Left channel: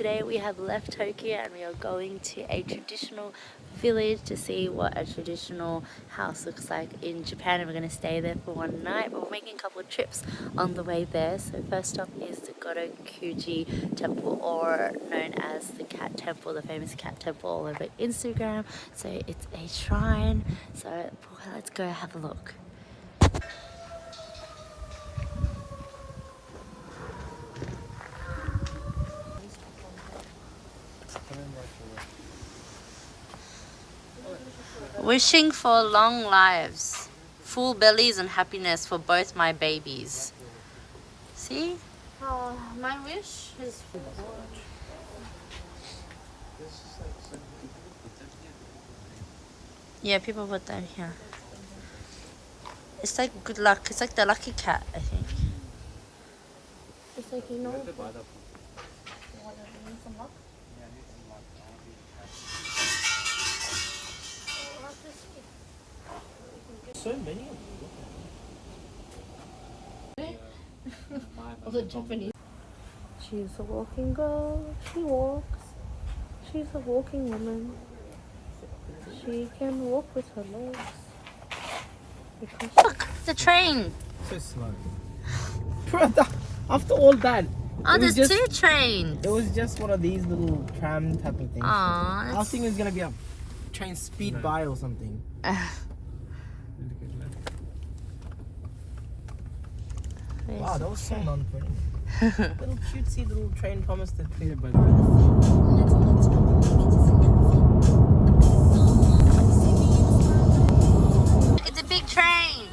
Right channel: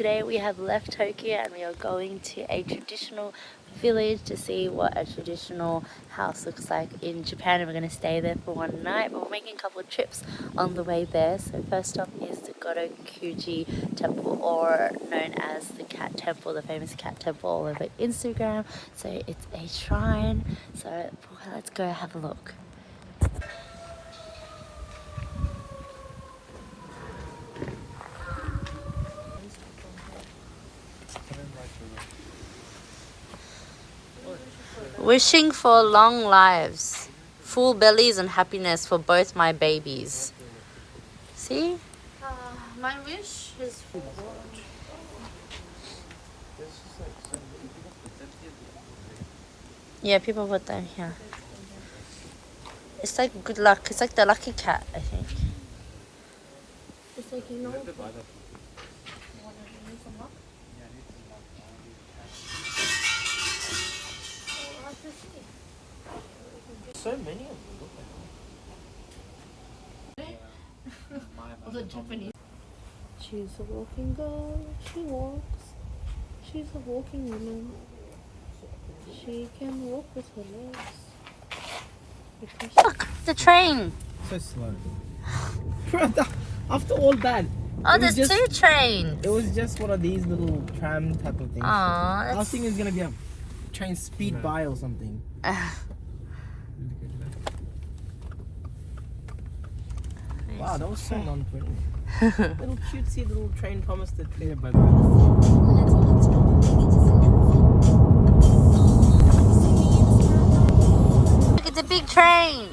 Today we have left Tokyo and we are going to a traditional village to see what a traditional house looks like in Japan, and we're going to stay there for one night, but we're making a couple of trips on the way there. So first stop is the Gotokuji temple, or known as the cat temple, the famous cat temple all over Instagram. So it's a shrine, so let's go have a look. Wishing for long lives, full bellies and happiness for both my babies. See? My wish is Yeah, people put that here. It's like good luck. It's like the lucky cat, I think. it's like, you know, So many of the Japanese. She's a walking girl. She walks. She's a walking woman. She can walk with her legs. Because Look, the train. so slow. After all that, Oh, it was there's just- two trains. it was just one of these little tram type of things. Aw, I was that's... thinking it's gonna be a train speed by or something. Wow, that was so non-funny. Little cutesy little train promised to clear by Look, it's a big train.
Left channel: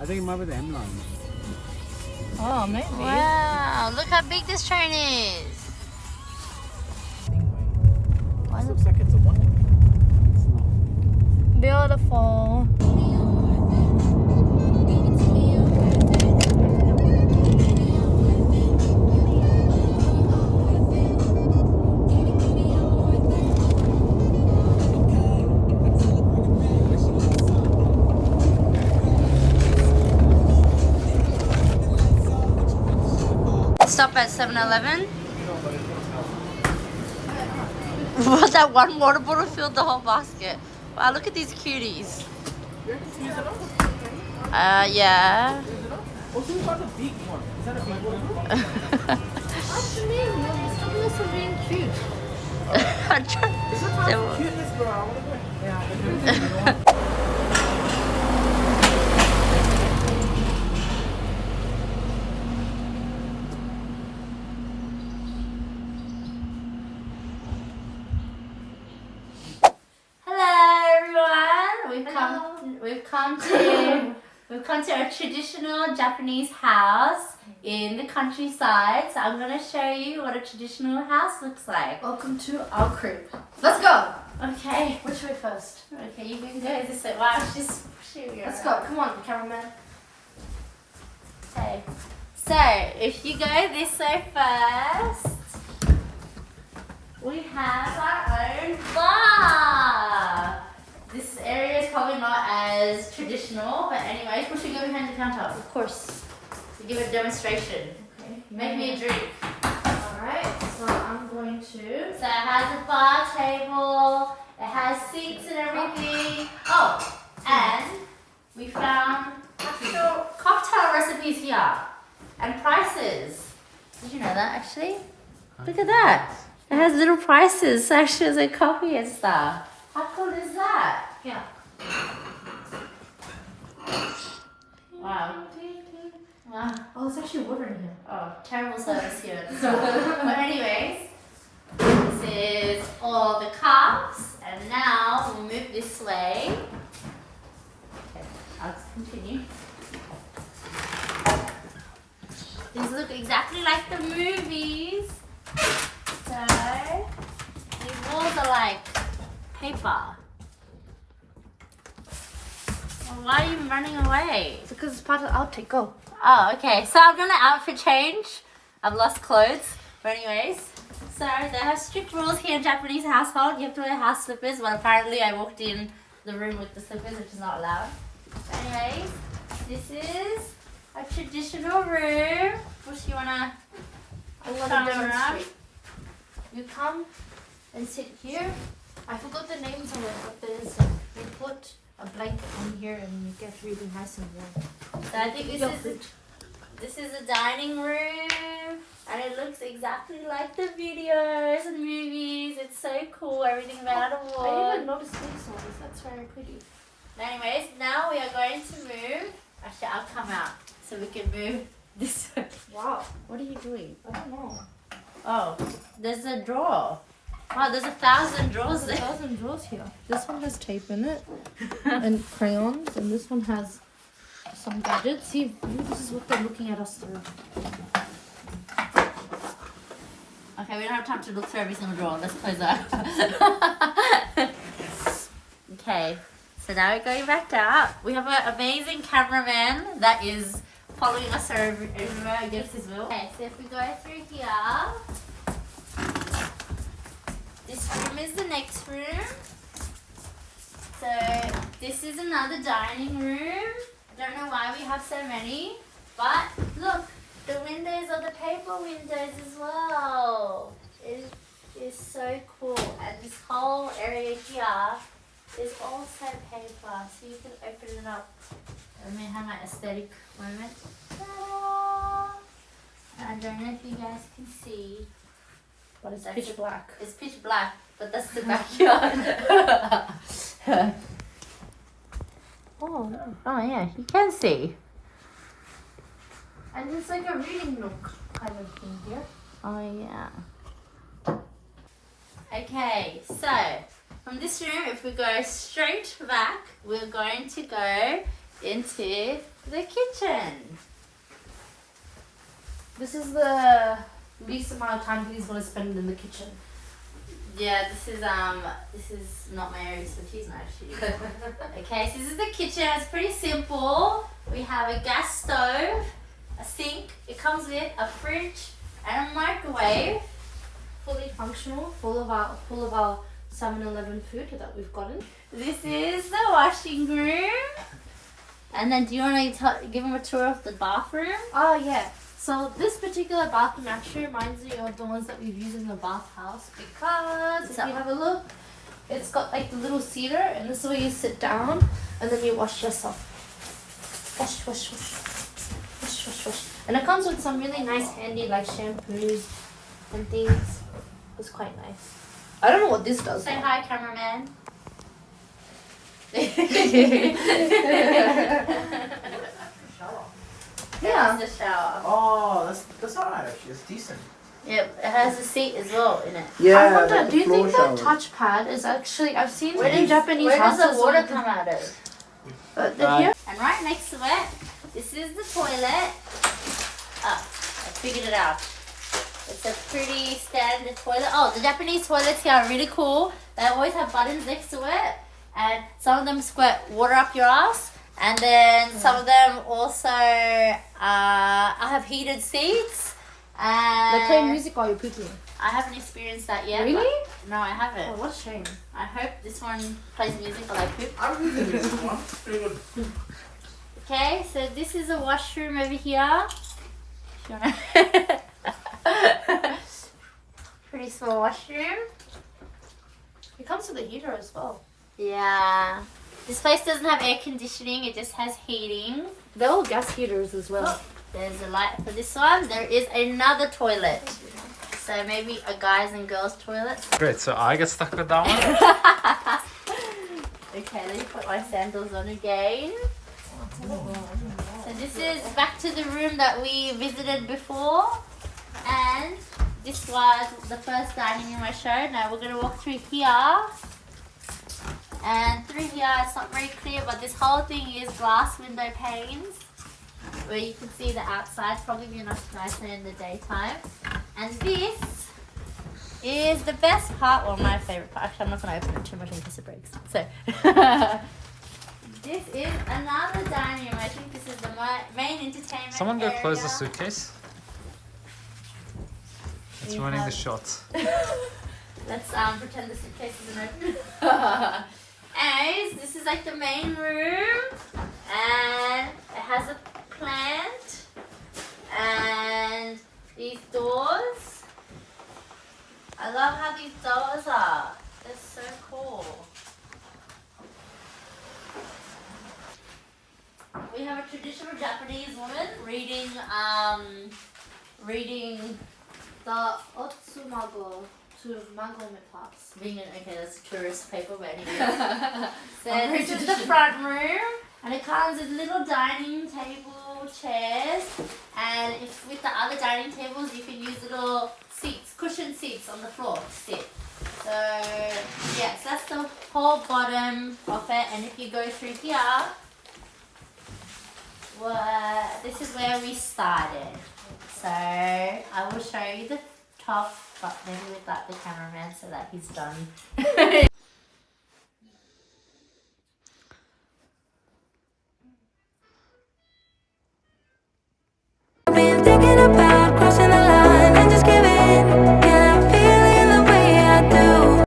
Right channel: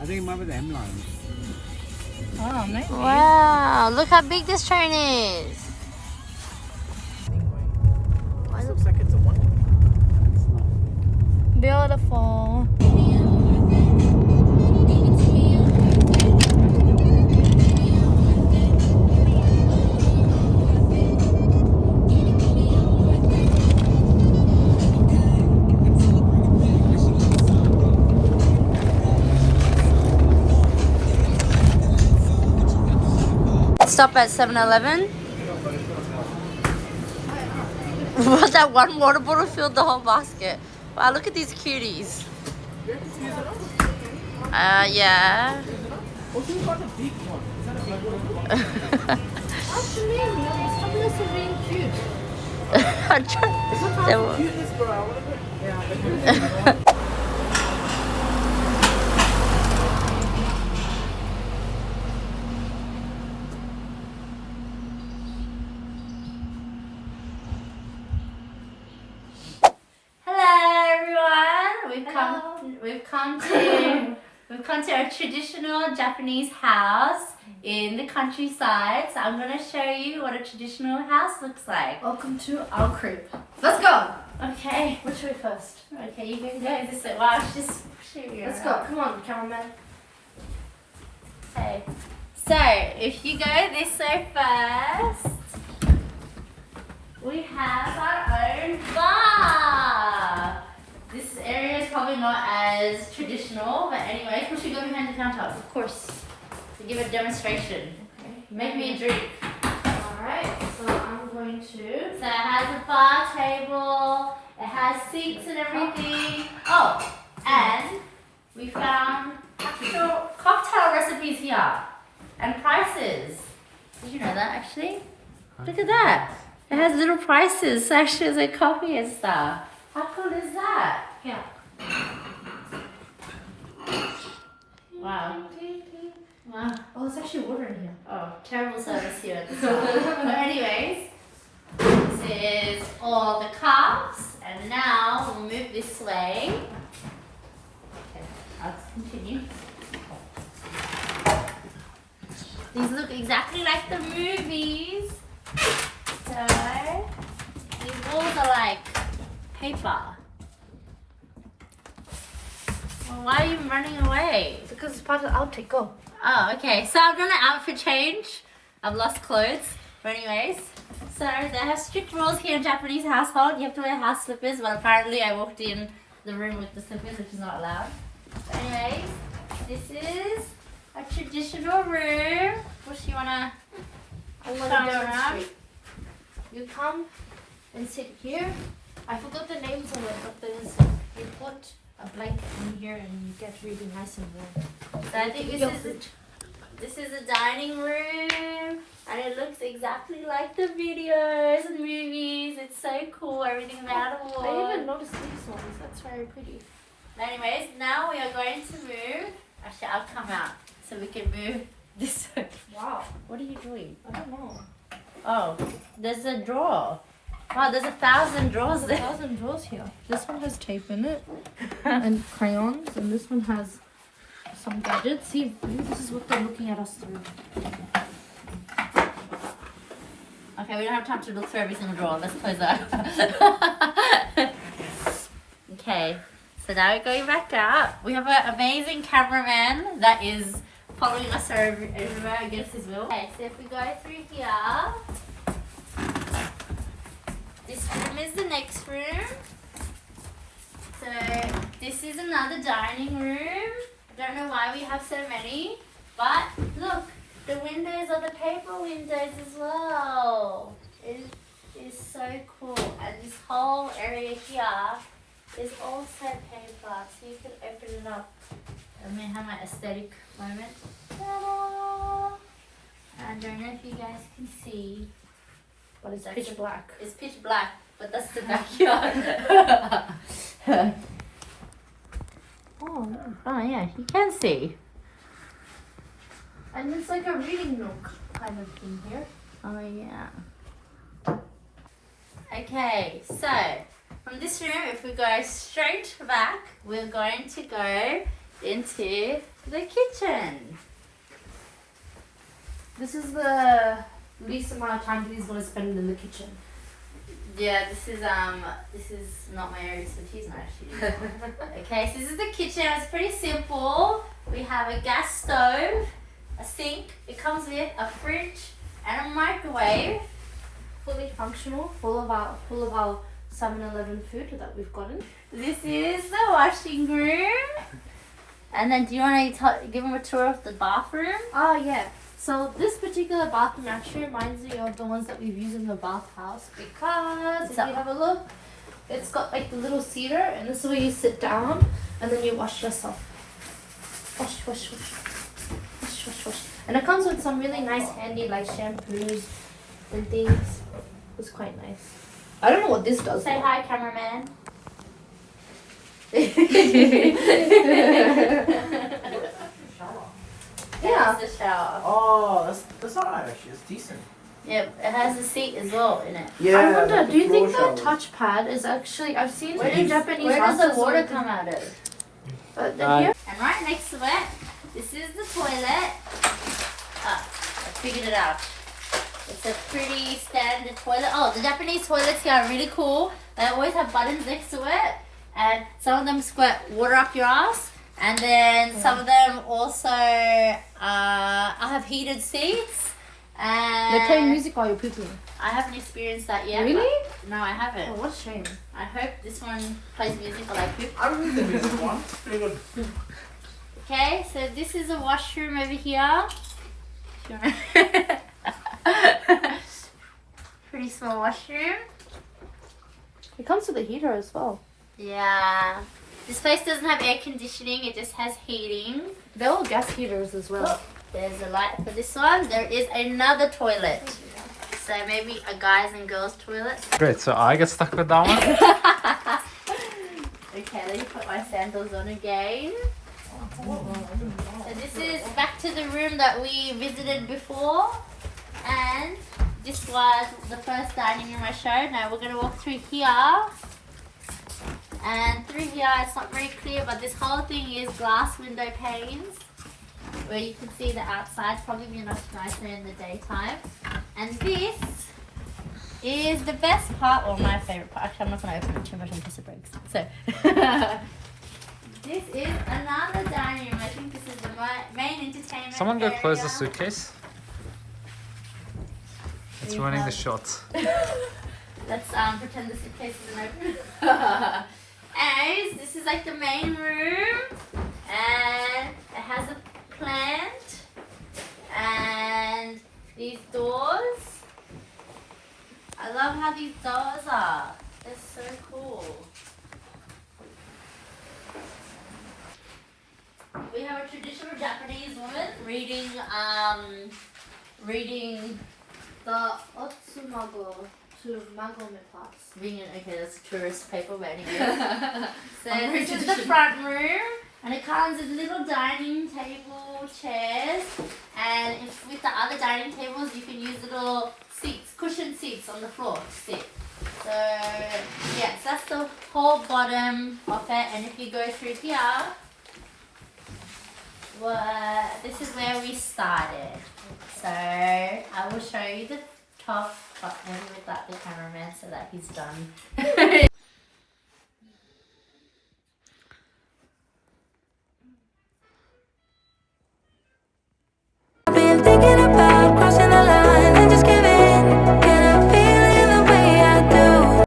I think it might be the M line. oh, maybe. Wow, look how big this train is. Why It looks like it's a one. It's not. Beautiful. Stop at 7-Eleven. What, that one water bottle filled the whole basket. Wow, look at these cuties. Yeah. Oh, she's got a big one. Is that a big one? What do you mean? Some of us are being cute. I'm trying- It's not They time were- for cuteness, bro. I wanna go. Yeah. Hello everyone. We've come to a traditional Japanese house in the countryside. So I'm gonna show you what a traditional house looks like. Welcome to our crib. Let's go. Okay. Which way first? Okay, you can go this way. Wow, just show you. Let's go. Come on, cameraman. Okay. So if you go this way first, we have our own bar. This area is probably not as traditional, but anyways, we should go behind the counter, of course, to give a demonstration. Okay. Make me a drink. Alright, so I'm going to. So it has a bar table, it has seats and everything. Oh, and we found actual cocktail recipes here and prices. Did you know that actually? Look at that. It has little prices, so actually there's a coffee and stuff. How cool is that? Yeah. Wow. Wow. Oh, there's actually water in here. Oh, terrible service here at the start. But anyways, this is all the cups, and now we'll move this way. Okay, I'll just continue. These look exactly like the movies. So, these walls are like paper. Well, why are you running away? It's because it's part of the outtake. Go. Oh, okay. So I'm gonna outfit change I've lost clothes. But anyways, so they have strict rules here in Japanese household. You have to wear house slippers, but apparently I walked in the room with the slippers, which is not allowed. So anyways, this is a traditional room. Bush, you wanna come around? You come and sit here. I forgot the names of it, but there's you put a blanket in here and you get really nice and warm. So I think this is a dining room, and it looks exactly like the videos and movies. It's so cool. Everything made out of wood. I even noticed these ones. That's very pretty. Anyways, now we are going to move. Actually, I'll come out so we can move this way. Wow. What are you doing? I don't know. Oh, there's a drawer. Wow, there's 1,000 drawers There's there. 1,000 drawers here. This one has tape in it and crayons, and this one has some gadgets. See, maybe this is what they're looking at us through. Okay, we don't have time to look through every single drawer. Let's close that. Okay, so now we're going back out. We have an amazing cameraman that is following us everywhere against his will. Okay, so if we go through here, this room is the next room. So this is another dining room. I don't know why we have so many, but look, the windows are the paper windows as well. It is so cool. And this whole area here is also paper, so you can open it up. I'm gonna have my aesthetic moment. Ta-da! I don't know if you guys can see. But it's pitch black. It's pitch black, but that's the backyard. Oh, no. Oh yeah, you can see. And it's like a reading nook kind of thing here. Oh yeah. Okay, so from this room, if we go straight back, we're going to go into the kitchen. This is the least amount of time he's going to spend in the kitchen. Yeah, this is not my area of expertise, not actually. Okay, so this is the kitchen. It's pretty simple. We have a gas stove, a sink. It comes with a fridge and a microwave. Fully functional, full of our 7-Eleven food that we've gotten. This is the washing room. And then, do you want to give them a tour of the bathroom? Oh yeah. So this particular bathroom actually reminds me of the ones that we've used in the bathhouse, because if you have a look, it's got like the little seater, and this is where you sit down and then you wash yourself. Wash, wash, wash. Wash, wash, wash. And it comes with some really nice handy like shampoos and things. It's quite nice. I don't know what this does. Say hi, cameraman. Yeah. That's the shower. Oh, that's alright actually. It's decent. Yeah, it has a seat as well in it. Yeah. I wonder, the do you think the floor touchpad is actually, I've seen Where it in Japanese Where does houses the water with- come out of? here? And right next to it, this is the toilet. Ah, I figured it out. It's a pretty standard toilet. Oh, the Japanese toilets here are really cool. They always have buttons next to it. And some of them squirt water up your ass. And then some of them also have heated seats. And They're playing music while you're pooping. I haven't experienced that yet. Really? but- No, I haven't. Oh, what a shame. I hope this one plays music while I poop. I remember the music one. It's pretty good. Okay, so this is a washroom over here. Pretty small washroom. It comes with a heater as well. Yeah. This place doesn't have air conditioning, it just has heating. They're all gas heaters as well. There's a light for this one. There is another toilet. So maybe a guys and girls toilet. Great, so I get stuck with that one. Okay, let me put my sandals on again. So this is back to the room that we visited before. And this was the first dining room I showed. Now we're going to walk through here. And through here, it's not very clear, but this whole thing is glass window panes where you can see the outside. Probably be much nicer in the daytime. And this is the best part, or my favorite part. Actually, I'm not going to open it too much in case it breaks. So, this is another dining room. I think this is the main entertainment Someone go area. close the suitcase. It's You running the have- shot. Let's pretend the suitcase isn't open. And this is like the main room, and it has a plant and these doors. I love how these doors are. They're so cool. We have a traditional Japanese woman reading the Otsumago to Mago Pass. Reading it, okay, that's a tourist paper, but anyway. So this is the front room, and it comes with little dining table, chairs, and if with the other dining tables, you can use little seats, cushioned seats on the floor to sit. So yes, that's the whole bottom of it, and if you go through here, well, this is where we started. So I will show you the top, but maybe without the cameraman so that he's done.